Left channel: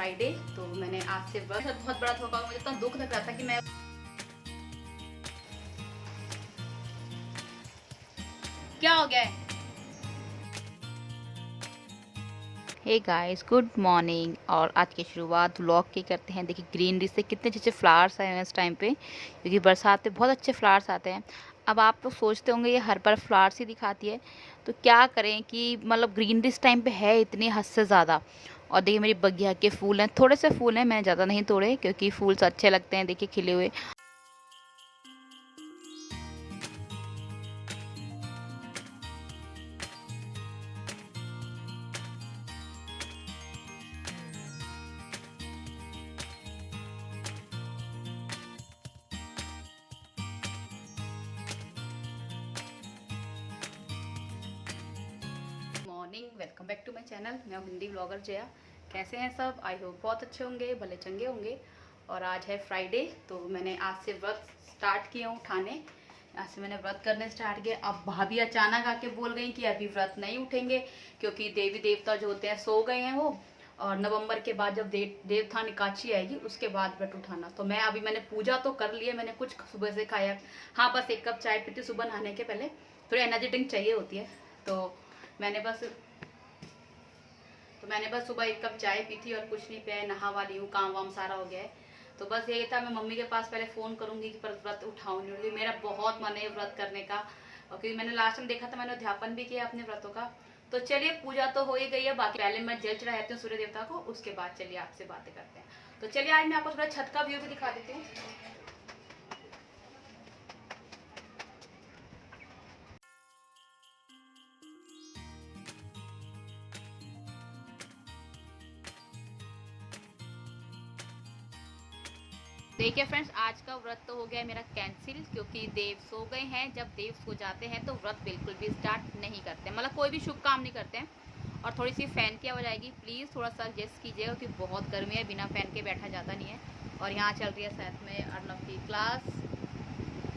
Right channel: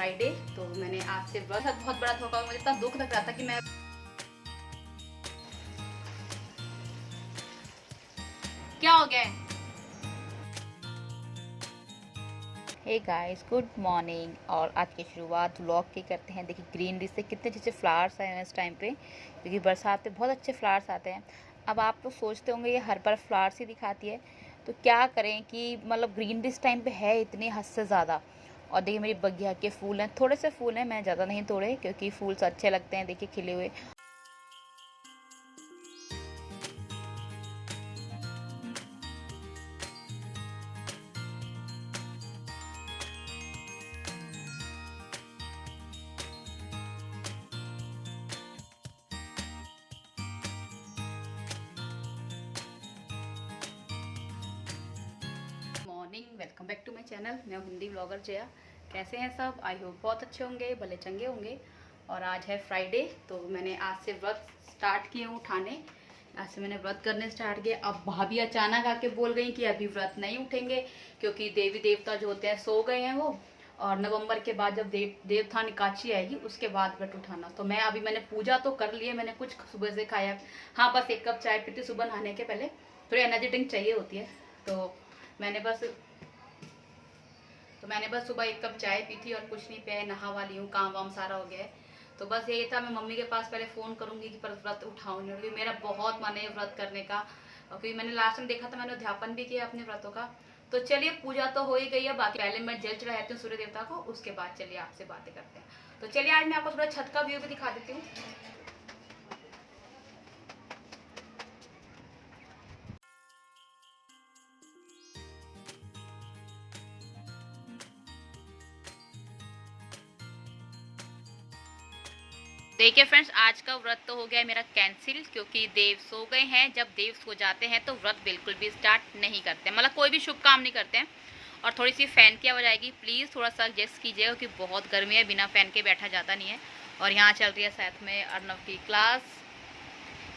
Friday, तो मैंने आज से व्रत बहुत बड़ा था। मुझे इतना दुख लग रहा था कि मैं क्या हो गया है। Hey guys, good morning. और आज की शुरुआत व्लॉग की करते हैं। देखिए ग्रीनरी से कितने अच्छे फ्लावर्स आए हैं इस टाइम पे, क्योंकि बरसात में बहुत अच्छे फ्लावर्स आते हैं। अब आप लोग सोचते होंगे ये हर बार फ्लावर्स ही दिखाती है, तो क्या करें कि मतलब ग्रीनरी इस टाइम पे है इतनी हद से ज़्यादा। और देखिए मेरी बगिया के फूल हैं, थोड़े से फूल हैं, मैंने ज़्यादा नहीं तोड़े क्योंकि फूल से अच्छे लगते हैं देखिए खिले हुए। Morning, welcome back to my channel. मैं हूँ हिंदी ब्लॉगर जया। कैसे हैं सब? आई होप बहुत अच्छे होंगे, भले चंगे होंगे। और आज है फ्राइडे, तो मैंने आज से व्रत स्टार्ट किए हूँ उठाने। आज से मैंने व्रत करने स्टार्ट किए। अब भाभी अचानक आके बोल गई कि अभी व्रत नहीं उठेंगे, क्योंकि देवी देवता जो होते हैं सो गए हैं वो। और नवंबर के बाद जब देवथान एकादशी आएगी उसके बाद व्रत उठाना। तो मैंने पूजा तो कर ली है, मैंने कुछ सुबह से खाया। हाँ, बस 1 कप चाय पीती सुबह नहाने के पहले, थोड़ी एनर्जी ड्रिंक चाहिए होती है। तो मैंने बस सुबह 1 कप चाय पी थी और कुछ नहीं पिया। नहा वाली हूँ, काम वाम सारा हो गया है। तो बस यही था, मैं मम्मी के पास पहले फ़ोन करूंगी कि पर व्रत उठाऊँ नहीं, क्योंकि मेरा बहुत मन है व्रत करने का। और क्योंकि मैंने लास्ट टाइम देखा था, मैंने उद्यापन भी किया अपने व्रतों का। तो चलिए, पूजा तो हो ही गई है, बाकी पहले मैं जल चढ़ाती हूँ सूर्य देवता को, उसके बाद चलिए आपसे बातें करते हैं। तो चलिए आज मैं आपको थोड़ा छत का व्यू भी दिखा देती हूँ। देखिए फ्रेंड्स, आज का व्रत तो हो गया मेरा कैंसिल, क्योंकि देव सो गए हैं। जब देव सो जाते हैं तो व्रत बिल्कुल भी स्टार्ट नहीं करते, मतलब कोई भी शुभ काम नहीं करते हैं। और थोड़ी सी फ़ैन की आवाज़ आएगी, प्लीज़ थोड़ा सा एडजस्ट कीजिएगा, क्योंकि बहुत गर्मी है, बिना फ़ैन के बैठा जाता नहीं है। और यहाँ चल रही है साथ में अर्नव की क्लास।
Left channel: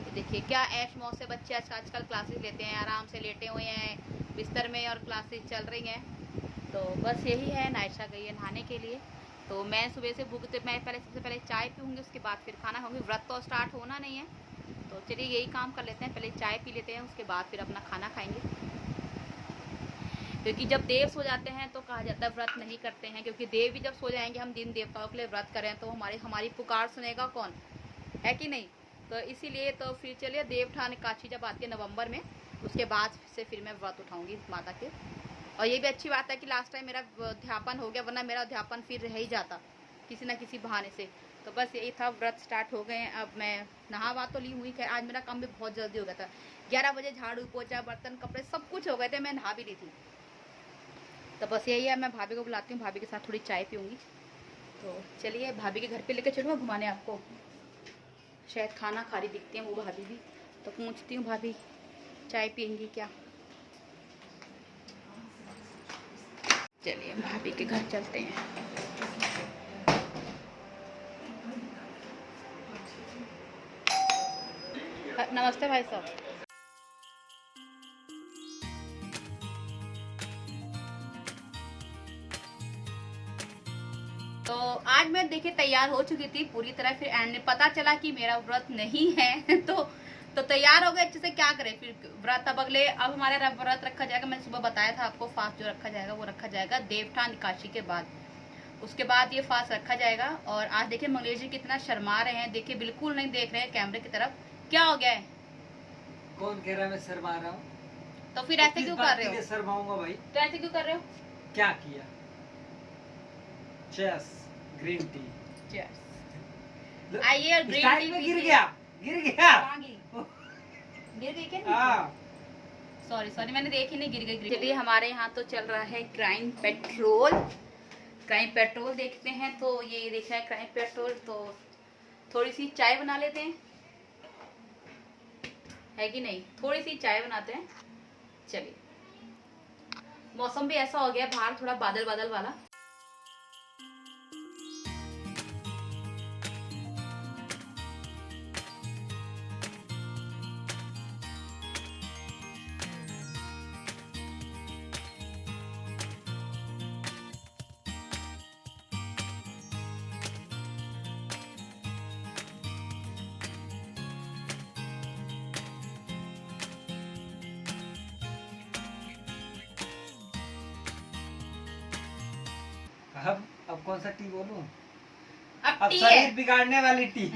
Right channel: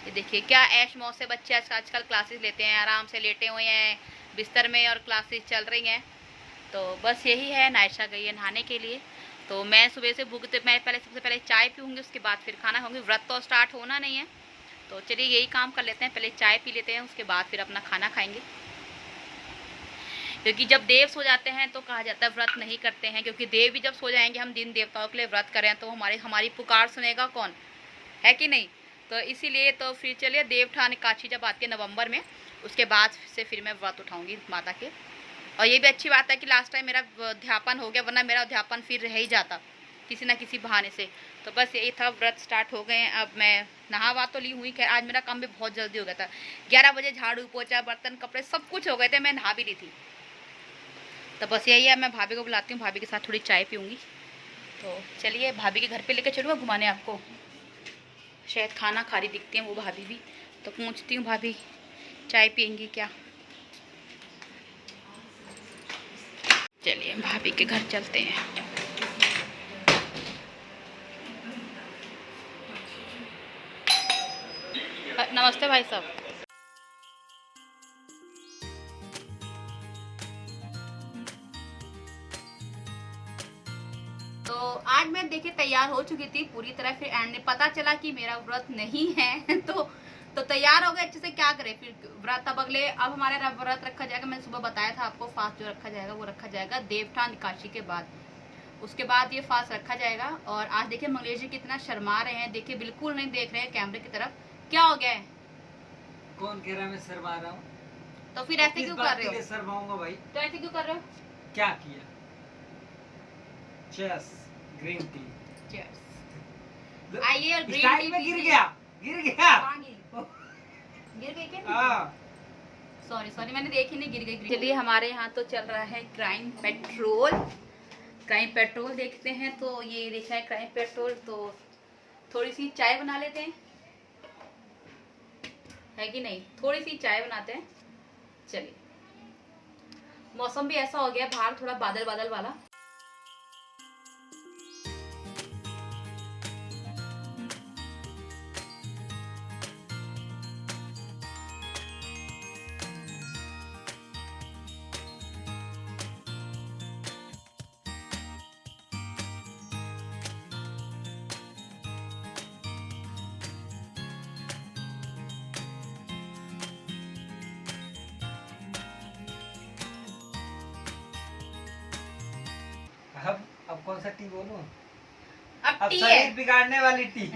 ये देखिए क्या ऐश मौज से बच्चे आजकल क्लासेस लेते हैं, आराम से लेटे हुए हैं बिस्तर में और क्लासेस चल रही हैं। तो बस यही है। नायशा गई है नहाने के लिए। तो मैं सुबह से भूख, तो मैं सबसे पहले चाय पीऊँगी, उसके बाद फिर खाना खाऊंगी। व्रत तो स्टार्ट होना नहीं है, तो चलिए यही काम कर लेते हैं, पहले चाय पी लेते हैं, उसके बाद फिर अपना खाना खाएंगे। क्योंकि जब देव सो जाते हैं तो कहा जाता है व्रत नहीं करते हैं, क्योंकि देव भी जब सो जाएंगे, हम दिन देवताओं के लिए व्रत करें तो हमारी पुकार सुनेगा कौन, है कि नहीं। तो इसीलिए तो फिर चलिए, देवठान एकादशी जब आती है नवंबर में, उसके बाद से फिर मैं व्रत उठाऊँगी माता के। और ये भी अच्छी बात है कि लास्ट टाइम मेरा अध्यापन हो गया, वरना मेरा अध्यापन फिर रह ही जाता किसी ना किसी बहाने से। तो बस यही था, व्रत स्टार्ट हो गए हैं। अब मैं नहा तो ली हुई, खैर आज मेरा काम भी बहुत जल्दी हो गया था। 11 बजे झाड़ू पोछा बर्तन कपड़े सब कुछ हो गए थे, मैं नहा भी ली थी। तो बस यही है, मैं भाभी को बुलाती हूँ, भाभी के साथ थोड़ी चाय पीऊँगी। तो चलिए भाभी के घर पर लेकर चलूँगा घुमाने आपको। शायद खाना खा रही दिखती हैं वो भाभी भी, तो पूछती हूँ भाभी चाय पियेंगी क्या। चलिए भाभी के घर चलते हैं। नमस्ते भाई साहब। तो आज मैं देखिए तैयार हो चुकी थी पूरी तरह, फिर एंड में पता चला कि मेरा व्रत नहीं है तो तैयार हो गए अच्छे से। क्या करें फिर, व्रत अब हमारे व्रत रखा जाएगा। मैंने सुबह बताया था आपको, फास्ट जो रखा जाएगा वो रखा जाएगा देवठान एकादशी के बाद, उसके बाद ये फास्ट रखा जाएगा। और आज देखिए मंगलेश जी कितना शर्मा रहे हैं, देखिए बिल्कुल नहीं देख रहे हैं कैमरे की तरफ। क्या हो गया है? कौन कह रहा है मैं शर्मा रहा हूँ? तो फिर ऐसे क्यों कर रहे हो? शर्माऊंगा भाई? तो ऐसे क्यों कर रहे हो? क्या किया? Chess, green tea. चेस आइए, और ग्रीन टी में गिर गया। गिर गई क्या? हाँ, सॉरी मैंने देखी नहीं, गिर गई। चलिए हमारे यहाँ तो चल रहा है क्राइम पेट्रोल देखते हैं। तो ये देखा है क्राइम पेट्रोल, तो थोड़ी सी चाय बना लेते हैं, है कि नहीं। थोड़ी सी चाय बनाते हैं। चलिए, मौसम भी ऐसा हो गया बाहर, थोड़ा बादल बादल वाला। अब कौन सा टी बोलूं? अब अब टी शरीर है, बिगाड़ने वाली टी।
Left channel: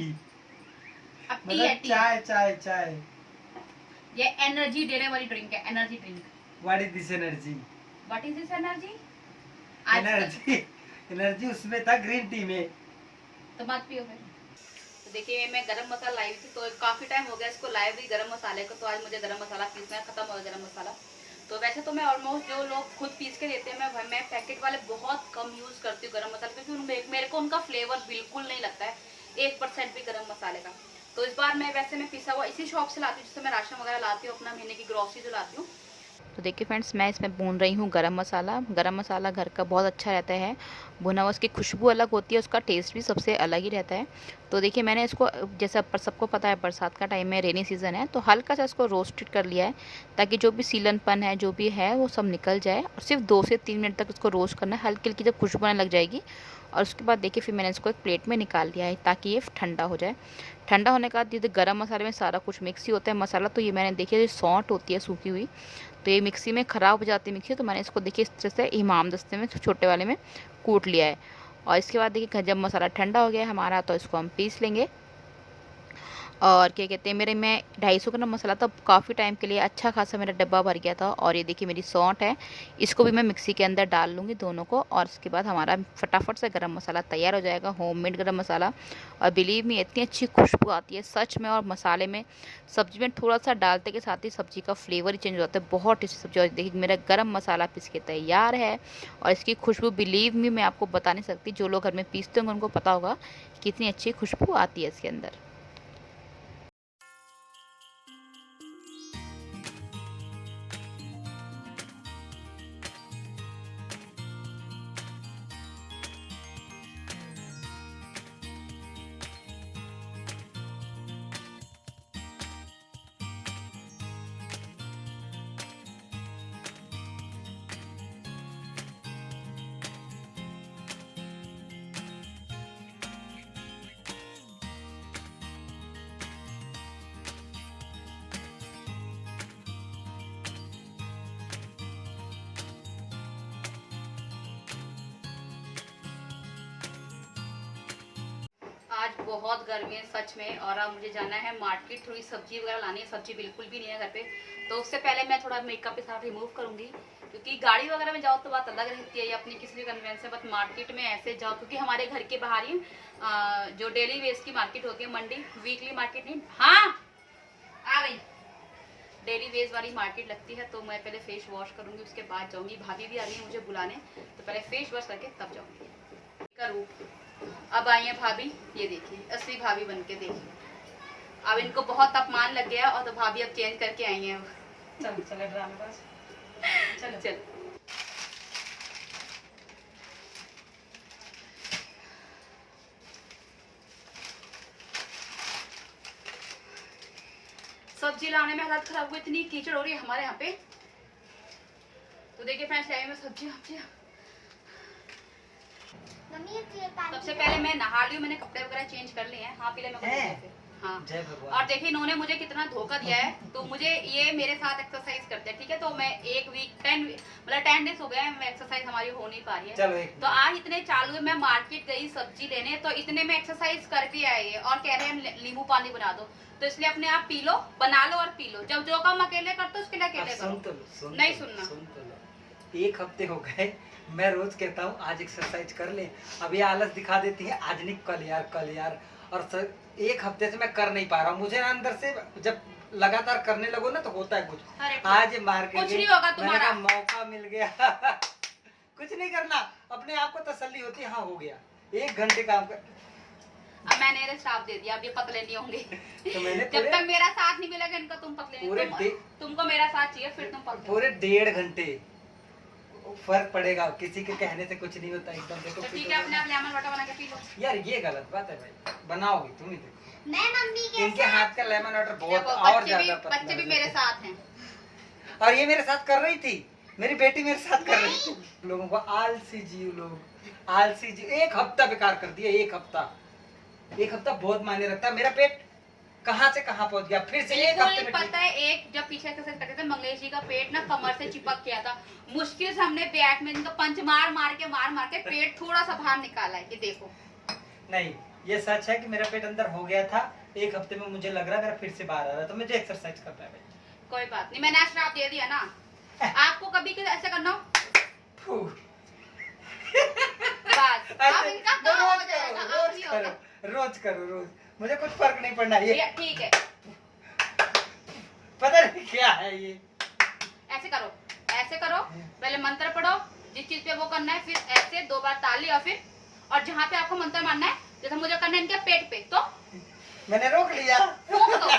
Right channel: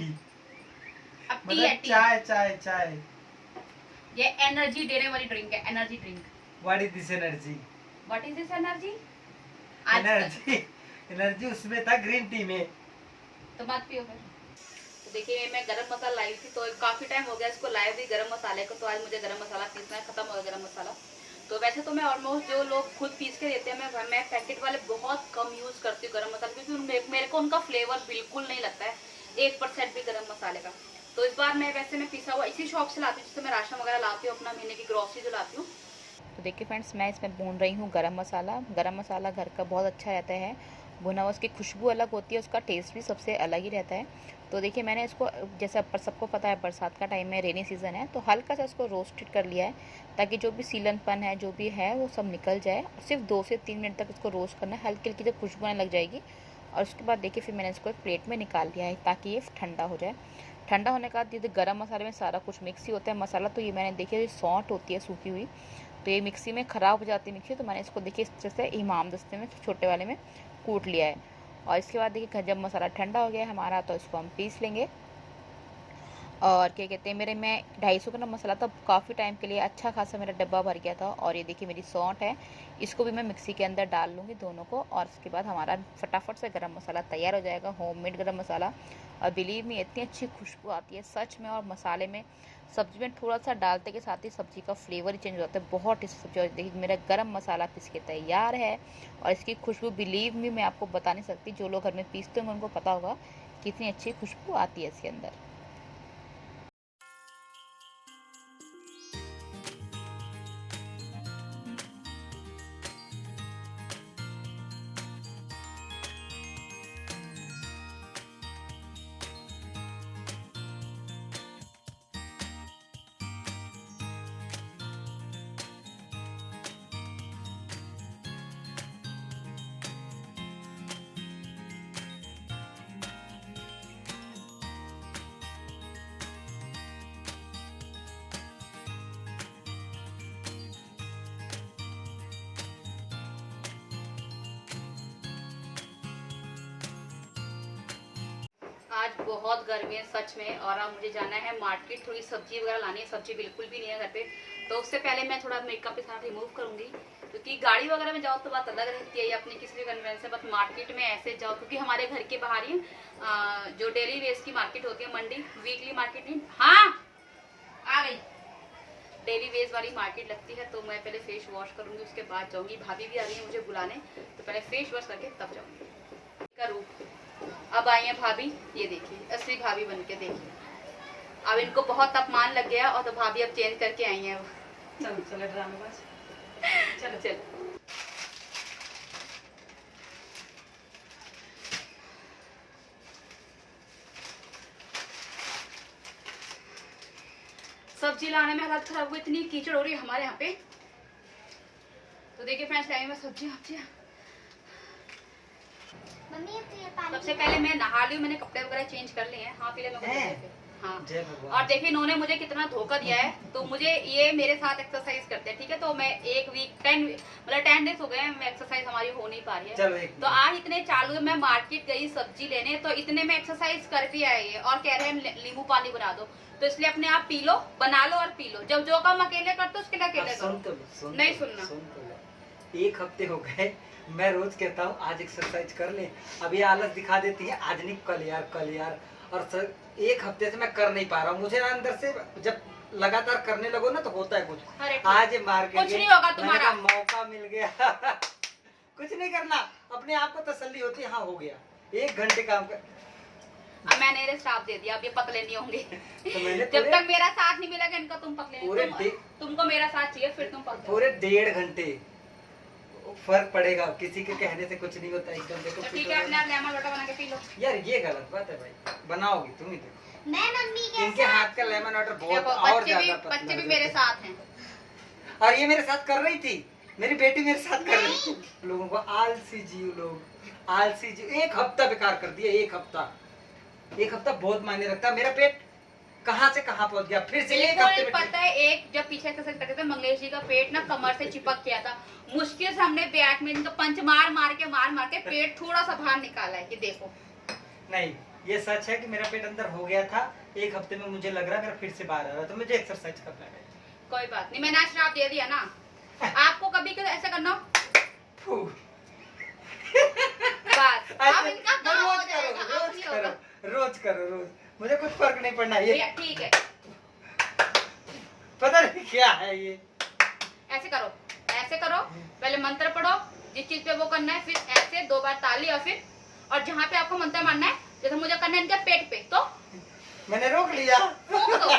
अब टी है, मतलब टी। चाय चाय चाय। ये एनर्जी देने वाली ड्रिंक है, energy drink. What is this energy? What is this energy? Energy energy उसमें था ग्रीन टी में। तो मत पियो फिर। तो देखिए मैं गरम मसाला लाई थी, तो काफी टाइम हो गया इसको लाए भी गरम मसाले को, तो आज मुझे गरम मसाला पीसना है, खत्म हो गया गरम मसाला। तो वैसे तो मैं ऑलमोस्ट जो लोग खुद पीस के देते हैं, मैं पैकेट वाले बहुत कम यूज करती हूँ गरम मसाला, क्योंकि मेरे को उनका फ्लेवर बिल्कुल नहीं लगता है 1% भी गरम मसाले का। तो इस बार मैं पिसा हुआ इसी शॉप से लाती हूँ, जिससे मैं राशन वगैरह लाती हूँ, अपना महीने की ग्रोसरी जो लाती हूँ। तो देखिए फ्रेंड्स, मैं इसमें भून रही हूँ गरम मसाला। गरम मसाला घर का बहुत अच्छा रहता है, भुना हुआ, उसकी खुशबू अलग होती है, उसका टेस्ट भी सबसे अलग ही रहता है। तो देखिए मैंने इसको, जैसे पर सबको पता है बरसात का टाइम है, रेनी सीज़न है, तो हल्का सा इसको रोस्टेड कर लिया है, ताकि जो भी सीलनपन है जो भी है वो सब निकल जाए। और सिर्फ 2 से 3 मिनट तक इसको रोस्ट करना है, हल्की हल्की जब खुशबू आने लग जाएगी। और उसके बाद देखिए फिर मैंने इसको एक प्लेट में निकाल लिया है, ताकि ये ठंडा हो जाए। ठंडा होने के बाद ये गरम मसाले में सारा कुछ मिक्स ही होता है मसाला, तो ये मैंने देखिए जो सौंठ होती है सूखी हुई, तो ये मिक्सी में ख़राब हो जाती है मिक्सी, तो मैंने इसको देखिए इस तरह से इमाम दस्ते में छोटे वाले में कूट लिया है। और इसके बाद देखिए जब मसाला ठंडा हो गया है हमारा, तो इसको हम पीस लेंगे। और क्या कहते हैं, मेरे में 250 ग्राम मसाला था, काफ़ी टाइम के लिए अच्छा खासा मेरा डब्बा भर गया था। और ये देखिए मेरी सौंठ है, इसको भी मैं मिक्सी के अंदर डाल लूँगी दोनों को, और उसके बाद हमारा फटाफट से गरम मसाला तैयार हो जाएगा, होममेड गरम मसाला। और बिलीव मी इतनी अच्छी खुशबू आती है सच में। और मसाले में, सब्जी में थोड़ा सा डालते के साथ ही सब्जी का फ्लेवर ही चेंज हो जाता है, बहुत टेस्टी सब्जी। और देखिए मेरा गरम मसाला पीस के तैयार है, और इसकी खुशबू बिलीव मी मैं आपको बता नहीं सकती, जो लोग घर में पीसते होंगे उनको पता होगा कितनी अच्छी खुशबू आती है इसके अंदर। आज बहुत गर्मी है सच में, और अब मुझे जाना है मार्केट, थोड़ी सब्जी वगैरह लानी है। सब्जी बिल्कुल भी नहीं है घर पे, तो उससे पहले मैं थोड़ा मेकअप के साथ रिमूव करूंगी, क्योंकि गाड़ी वगैरह में जाओ तो बात अलग रहती है, अपनी किसी भी कन्वेंस से, बस मार्केट में ऐसे जाओ, क्योंकि हमारे घर के बाहर ही जो डेली वेज की मार्केट होती है, मंडी, वीकली मार्केट नहीं, हाँ आ गई, डेली वेज वाली मार्केट लगती है। तो मैं पहले फेस वॉश करूंगी, उसके बाद जाऊंगी। भाभी भी आ रही है मुझे बुलाने, तो पहले फेस वॉश करके तब जाऊंगी। का रूप अब आई है भाभी, ये देखिए असली भाभी बन के देखिए। अब इनको बहुत अपमान लग गया, और तो भाभी अब चेंज करके आई हैं। चलो चलो ड्रामेबाज, चलो चल। सब्जी लाने में हालत खराब हुई, इतनी कीचड़ हो रही है हमारे यहाँ पे। तो देखिए फ्रेंड्स, लाए मैं सब्जी। सबसे पहले मैं नहा ली हूँ, मैंने कपड़े वगैरह चेंज कर लिए हैं। हाँ पीले मैं हाँ। जय भगवान। और देखिए इन्होंने मुझे कितना धोखा दिया है, तो मुझे ये मेरे साथ एक्सरसाइज करते हैं, ठीक है। तो मैं एक वीक 10 डेज हो गए हैं, मैं एक्सरसाइज हमारी हो नहीं पा रही है। चलो तो आज इतने चालू है, मैं मार्केट गई सब्जी लेने, तो इतने में एक्सरसाइज कर भी आए ये, और कह रहे हैं नींबू पानी बना दो। तो इसलिए अपने आप पी लो, बना लो और पी लो। जब जो काम अकेले करते हो उसके लिए अकेले करो, नहीं सुनना। 1 हफ्ते हो गए, मैं रोज कहता हूँ आज एक्सरसाइज कर ले, अब ये आलस दिखा देती है, आज नहीं कल यार। और सर 1 हफ्ते से मैं कर नहीं पा रहा हूँ, मुझे ना अंदर से जब लगातार करने लगो ना तो होता है कुछ। आज मार्केट कुछ नहीं होगा तुम्हारा, मौका मिल गया कुछ नहीं करना, अपने आप को तसल्ली होती है, हाँ हो गया 1 घंटे काम कर। अब मैंने इन्हें श्राप दे दिया, अब ये पतले नहीं होंगे तो मैंने जब तक मेरा साथ नहीं मिलेगा इनका, तुम पतले तुमको मेरा साथ चाहिए, फिर तुम पतले। पूरे 1.5 घंटे फर्क पड़ेगा, किसी के कहने से कुछ नहीं होता एकदम। देखो तो ठीक है, अपने आप लेमन वाटर बना के पी लो। यार ये गलत बात है भाई, बनाओगी तुम ही देखो। मैं मम्मी के इनके हाथ का लेमन वाटर बहुत देखो, और ज्यादा पसंद बच्चे भी है। मेरे साथ हैं। और ये मेरे साथ कर रही थी, मेरी बेटी मेरे साथ कर रही थी। लोगों को आलसी जीव, लोग आलसी जीव। 1 हफ्ता बेकार कर दिया, 1 हफ्ता बहुत मायने रखता। मेरा पेट कहाँ से कहाँ पहुंच गया, फिर से एक हफ्ते बिल्कुल में पता है। एक जब पीछे एक्सरसाइज करते थे मंगेश जी का पेट ना कमर से चिपक गया था, मुश्किल से हमने बैट में इनका पंच मार के पेट थोड़ा सा बाहर निकाला है, ये देखो। नहीं, ये सच है कि मेरा पेट अंदर हो गया था, एक हफ्ते में मुझे लग रहा है मेरा फिर से बाहर आ रहा है, तो मुझे एक्सरसाइज करना है। कोई बात नहीं, मैंने आज श्राप दे दिया ना, आपको कभी ऐसे करना हो फू। बस अब इनका वो काम हो रोज जाएगा, करो, अब नहीं होगा। रोज करो, मुझे कुछ फर्क नहीं पड़ना, ये ये ठीक है, पता नहीं क्या है ये। ऐसे करो, पहले मंत्र पढ़ो, जिस चीज पे वो करना है, फिर ऐसे 2 बार ताली, और फिर और जहाँ पे आपको मंत्र मारना है, जैसे मुझे करना है इनके पेट पे, तो मैंने रोक लिया। फूंक दो।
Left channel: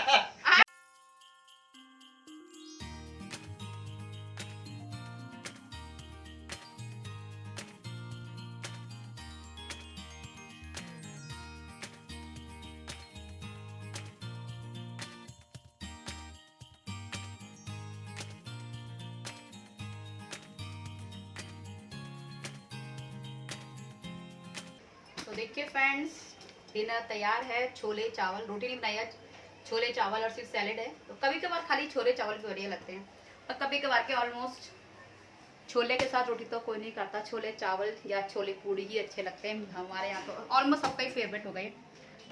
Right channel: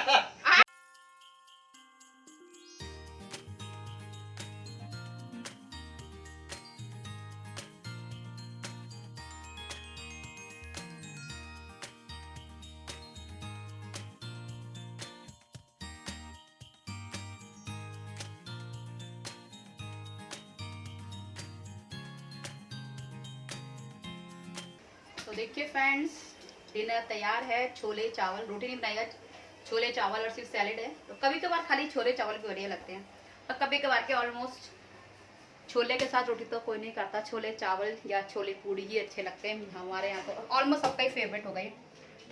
तो देखिए फ्रेंड्स, डिनर तैयार है। छोले चावल, रोटी नहीं बनाई आज, छोले चावल और सिर्फ सैलेड है। तो कभी कभार खाली छोले चावल भी बढ़िया लगते हैं, और कभी कभार के ऑलमोस्ट छोले के साथ रोटी तो कोई नहीं करता, छोले चावल या छोले पूड़ी ही अच्छे लगते हैं हमारे यहाँ। तो ऑलमोस्ट सबका ही फेवरेट हो गई।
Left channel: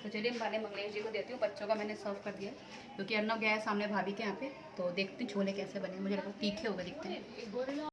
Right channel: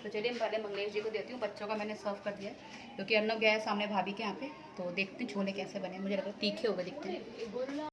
तो चलिए पहले मंगलेश जी को देती हूँ, बच्चों का मैंने सर्व कर दिया क्योंकि अर्नब गया है सामने भाभी के यहाँ पे। तो देखते हैं छोले कैसे बने, मुझे लगता है तीखे हो गए दिखते हैं।